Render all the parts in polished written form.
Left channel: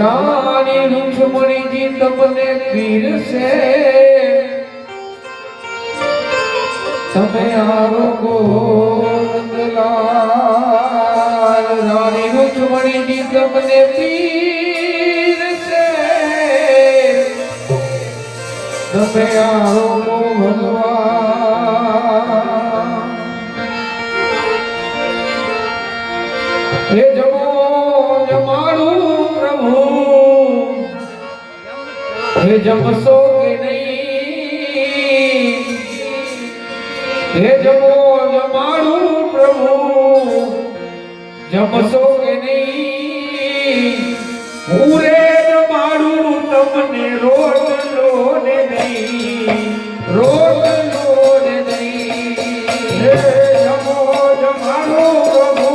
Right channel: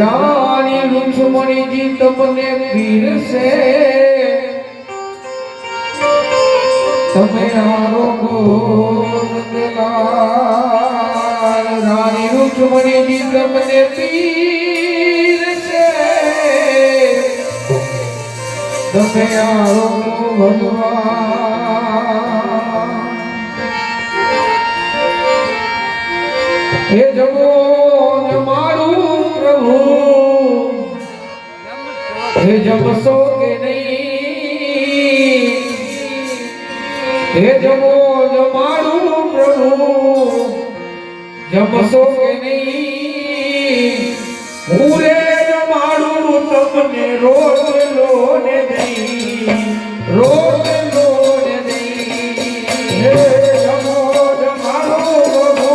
રાણી રૂક્ષ્મણીજી તમને પીરસે તમે આરોગો નંદલાલ રાણી રૂક્ષ્મણીજી તમને પીરસે તમે આરોગો ભગવાન હે જમો જમાડું પ્રભુ હે જમશો કે નહીં હે જમો જમાડું પ્રભુ જમશો કે નહીં હું રે જમાડું તમને રોટલો ને નહીં રોટલો ને નહીં હે જમો જમાડું પ્રભુ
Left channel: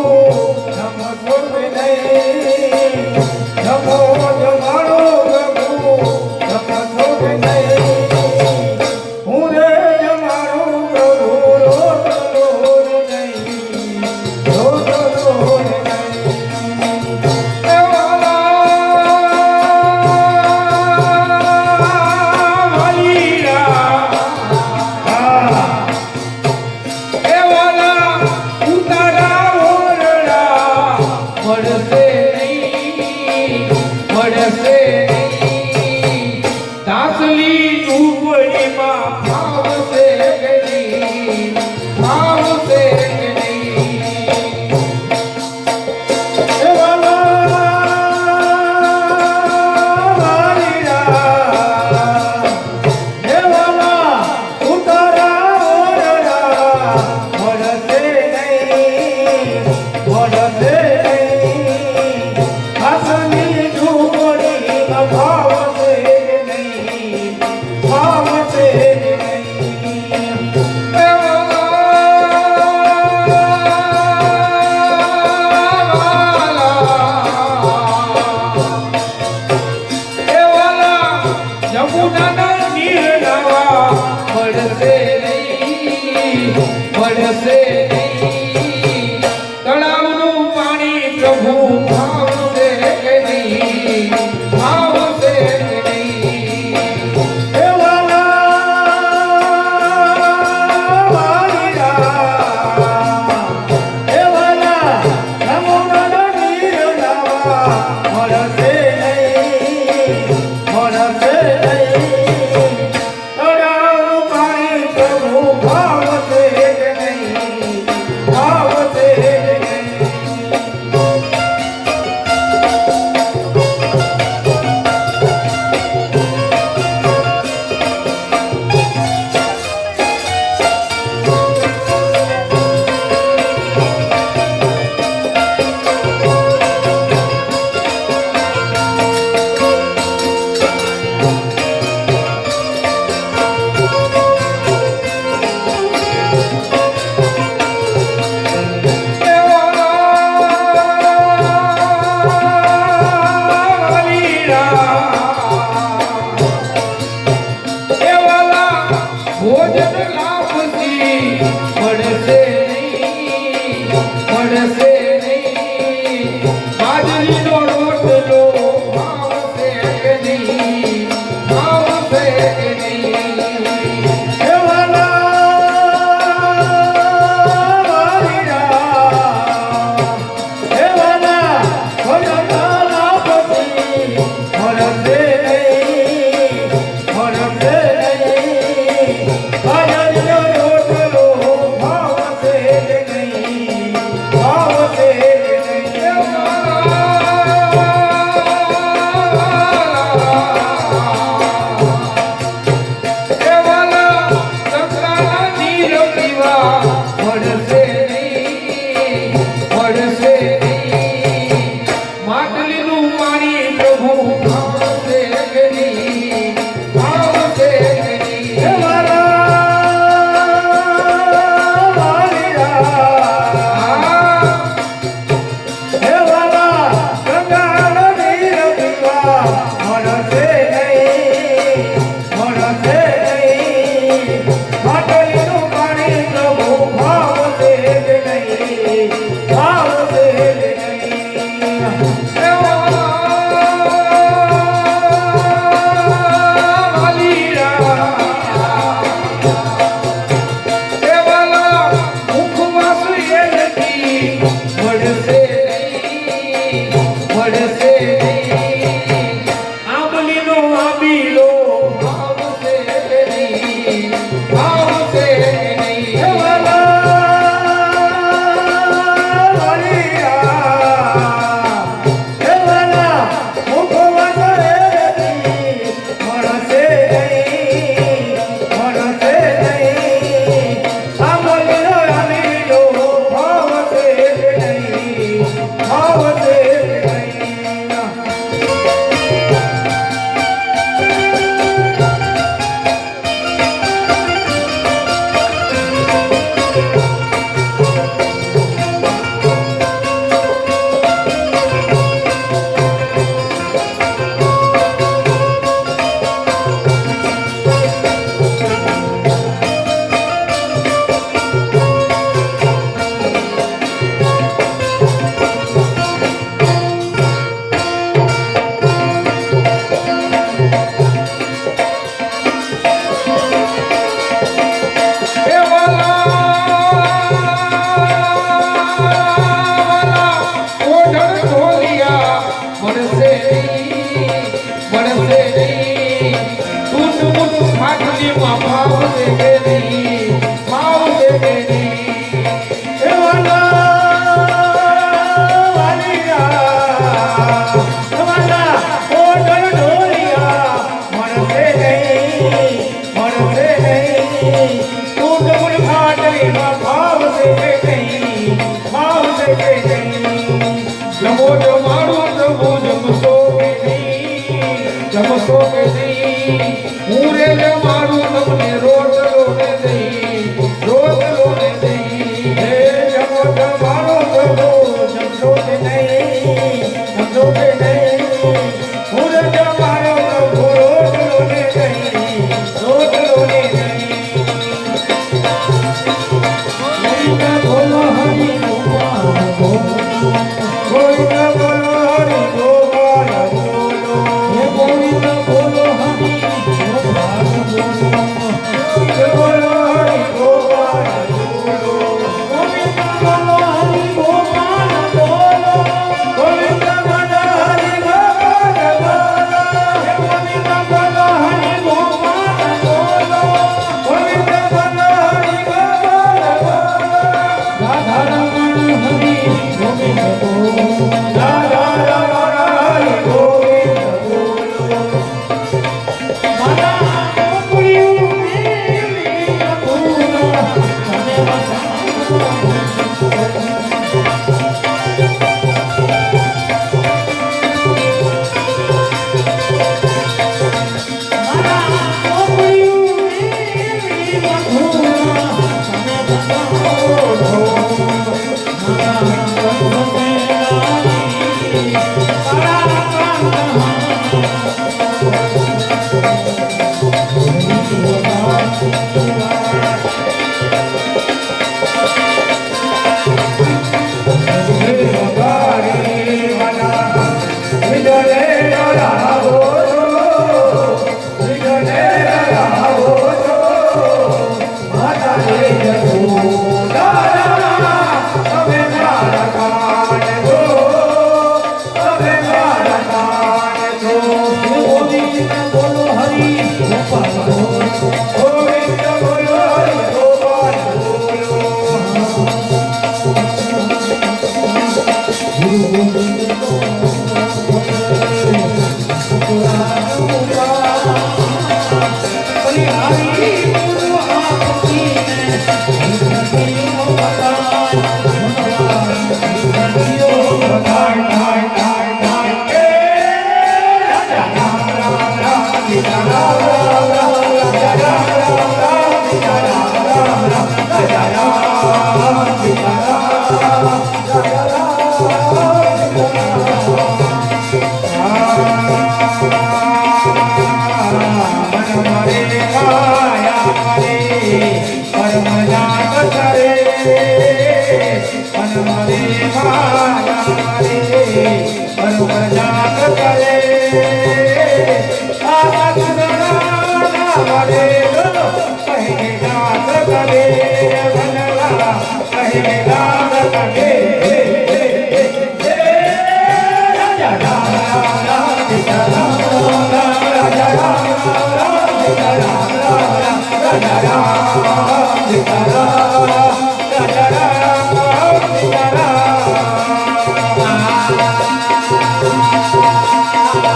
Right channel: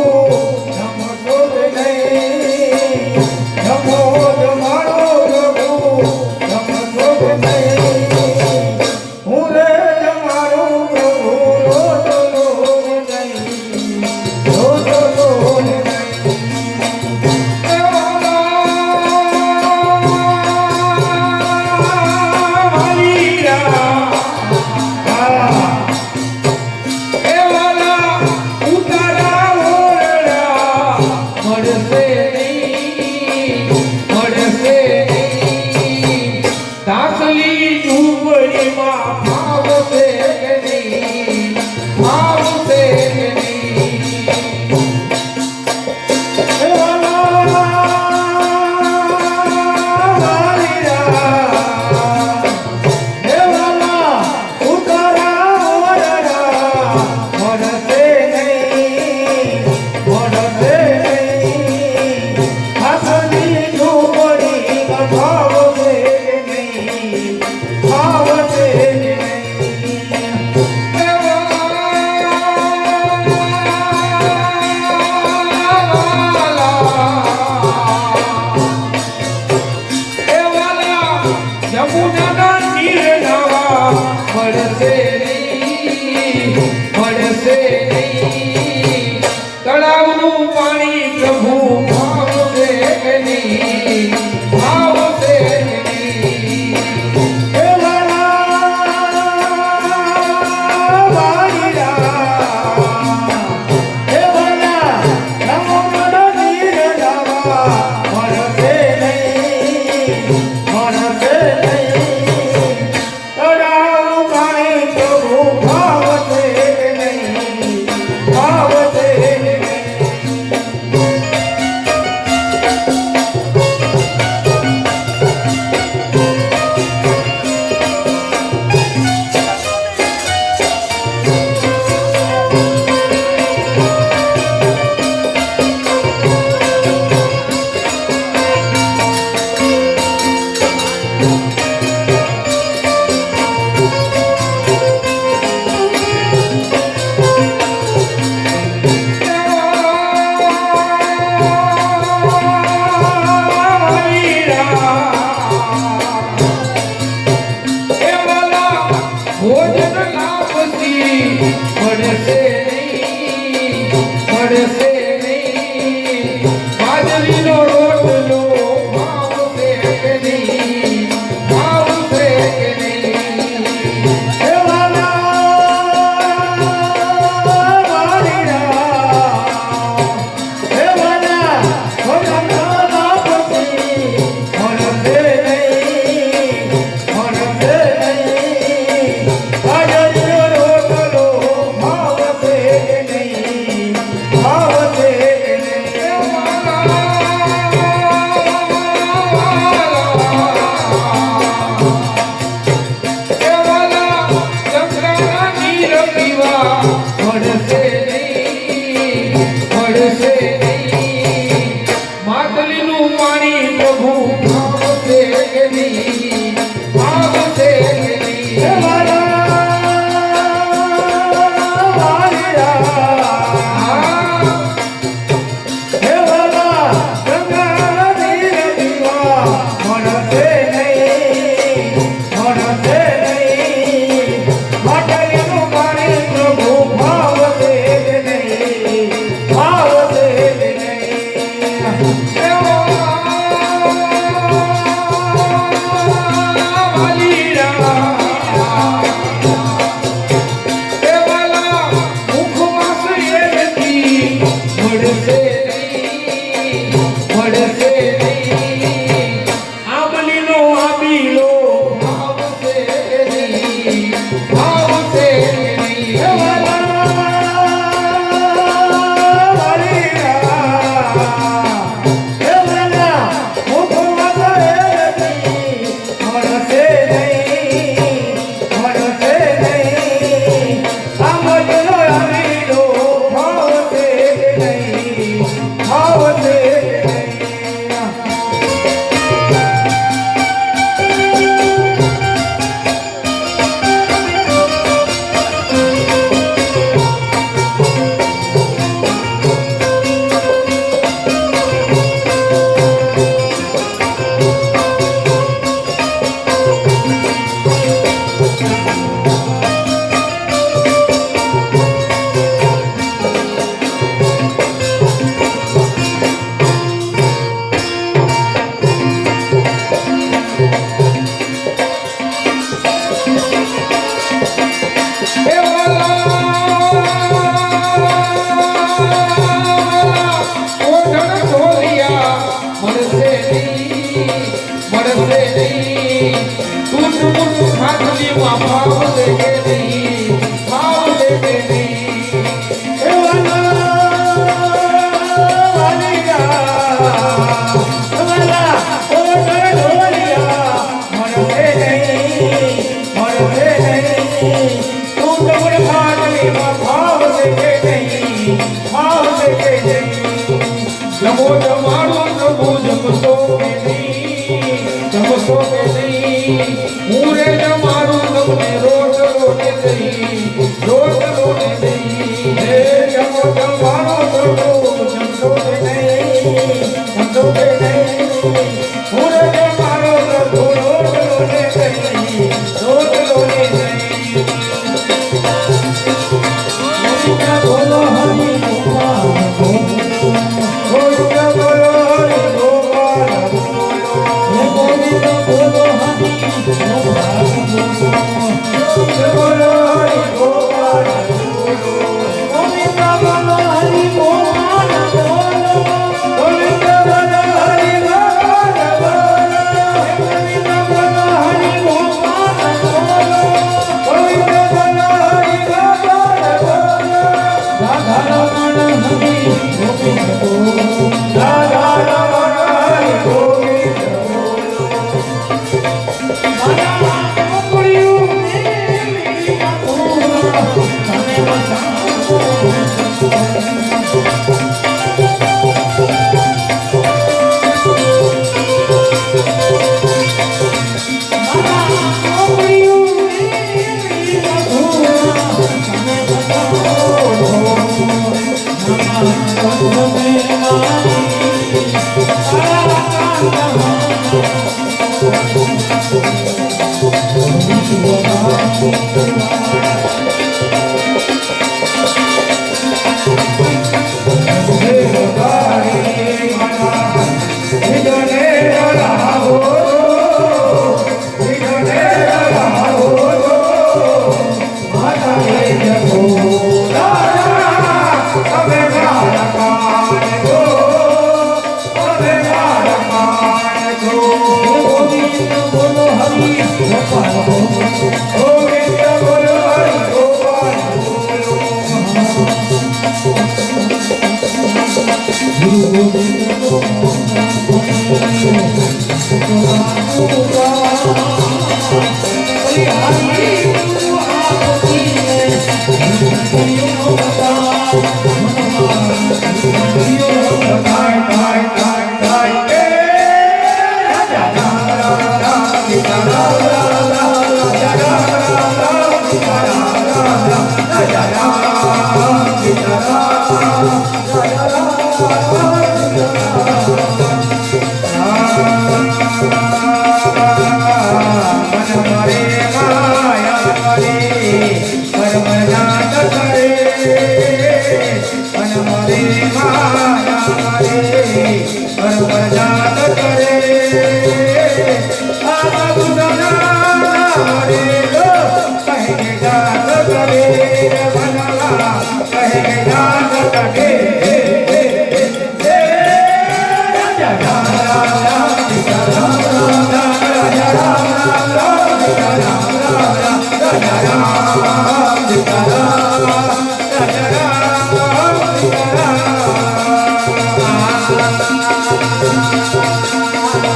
જમો જમાડો પ્રભુ જમશો કે નહીં હું રે જમાડું પ્રભુ રોટલો ને નહીં રોટલો ને તળાવનું પાણી પ્રભુ ભાવશે કે નહીં ભાવશે કે નહીં એ વાલા ઓ જન ઢોલિયા મળશે નહીં તું ખાટલી માં ભાવ દે કે નહીં ભાવ દે કે નહીં એ જમો જમાડું પ્રભુ જમતો કે નહીં હું રે જમાડું તમને રોટલો ને નહીં રોટલો ને નહીં હે જમો જમાડું પ્રભુ જમતો કે નહીં જમતો કે નહીં હું રે જમાડું પ્રભુ રોટલો ને નહીં રોટલો ને નહીં બોલો હરી ગોપાલ ગોવિંદ બોલો હરિ ગોપાલ ગોવિંદ બોલો હરિ ગોપાલ બોલો હરિ ગોપાલ ગોવિંદ બોલો હરિ ગોપાલ બોલો ગોવિંદ બોલો હરિ ગોપાલ ગોવિંદ બોલો હરિ ગોપાલ બોલો ગોવિંદ બોલો હરિ ગોપાલ રાધા રમણ હરિ ગોવિંદ બોલો રાધા રમણ હરિ Govind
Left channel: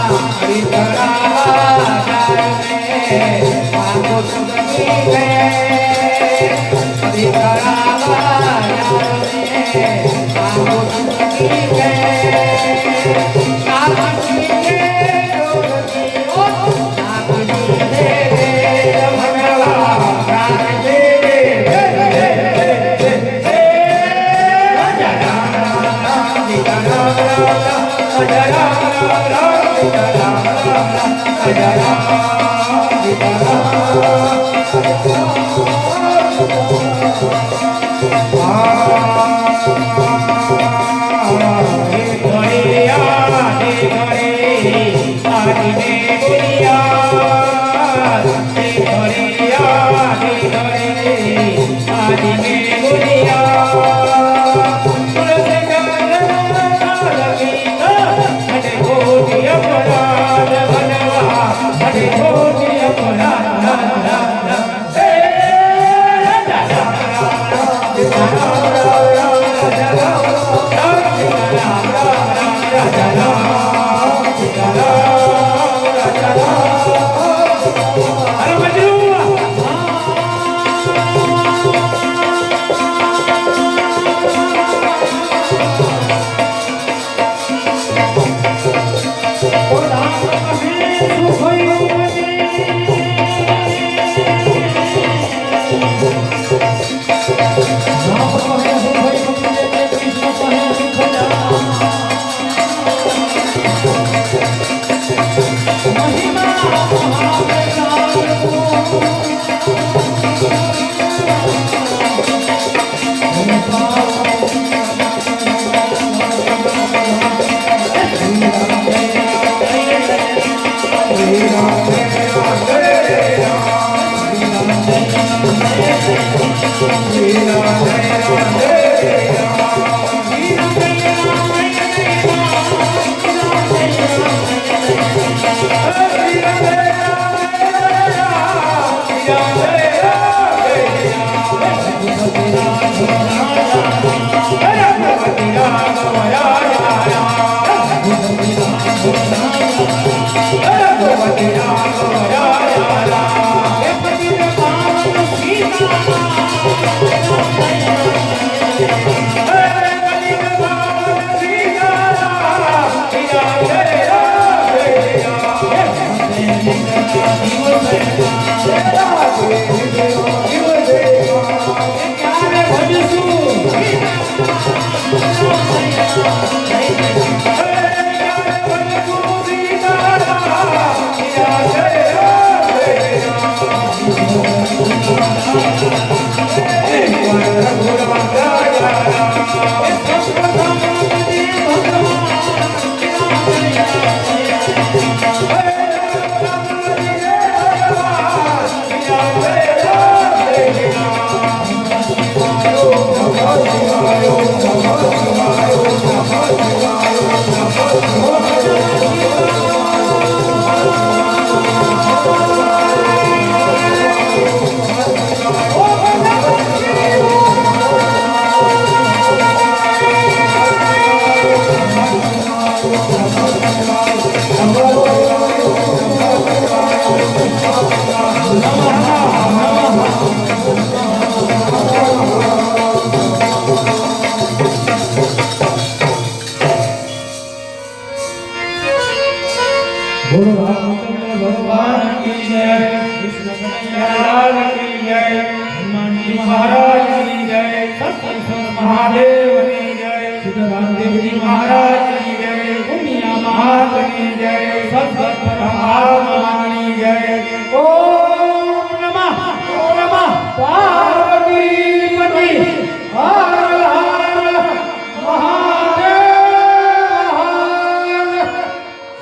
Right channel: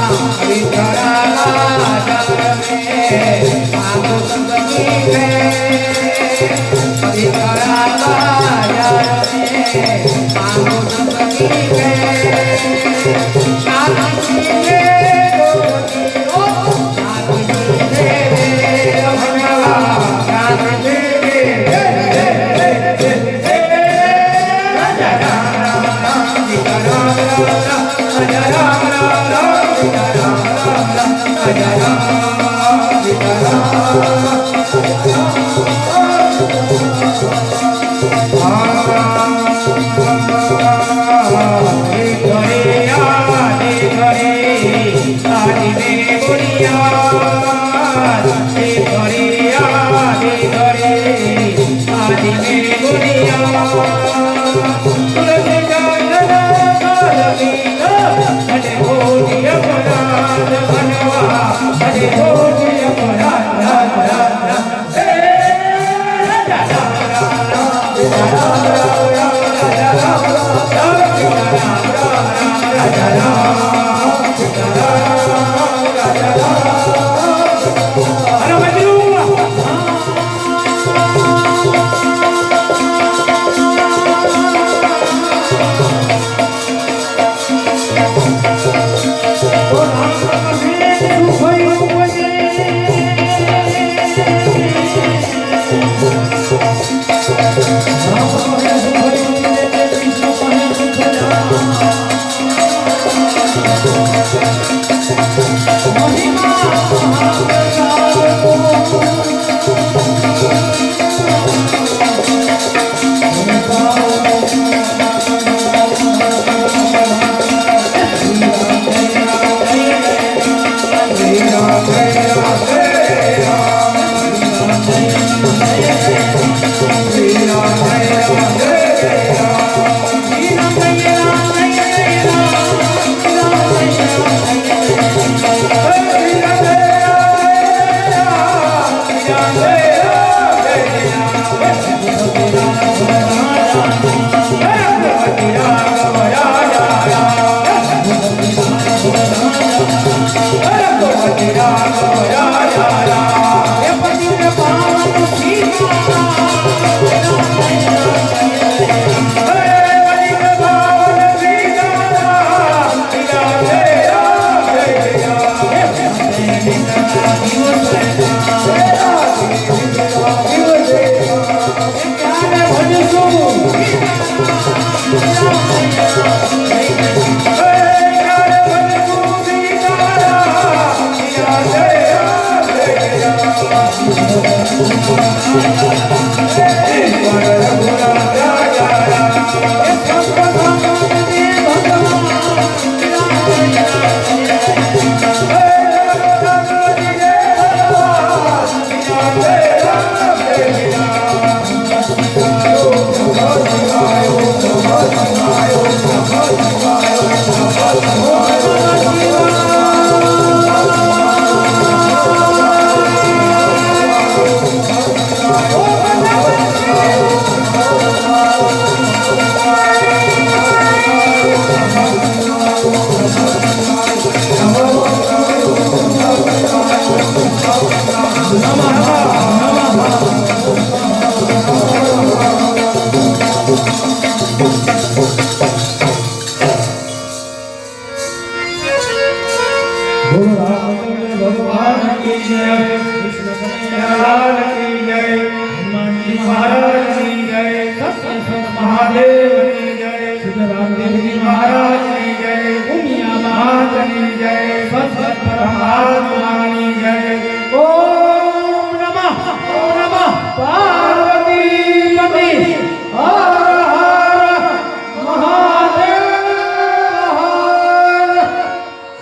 Hey!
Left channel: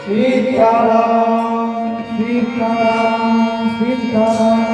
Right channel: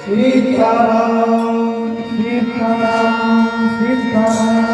Sitaram, Sitaram, Sitaram.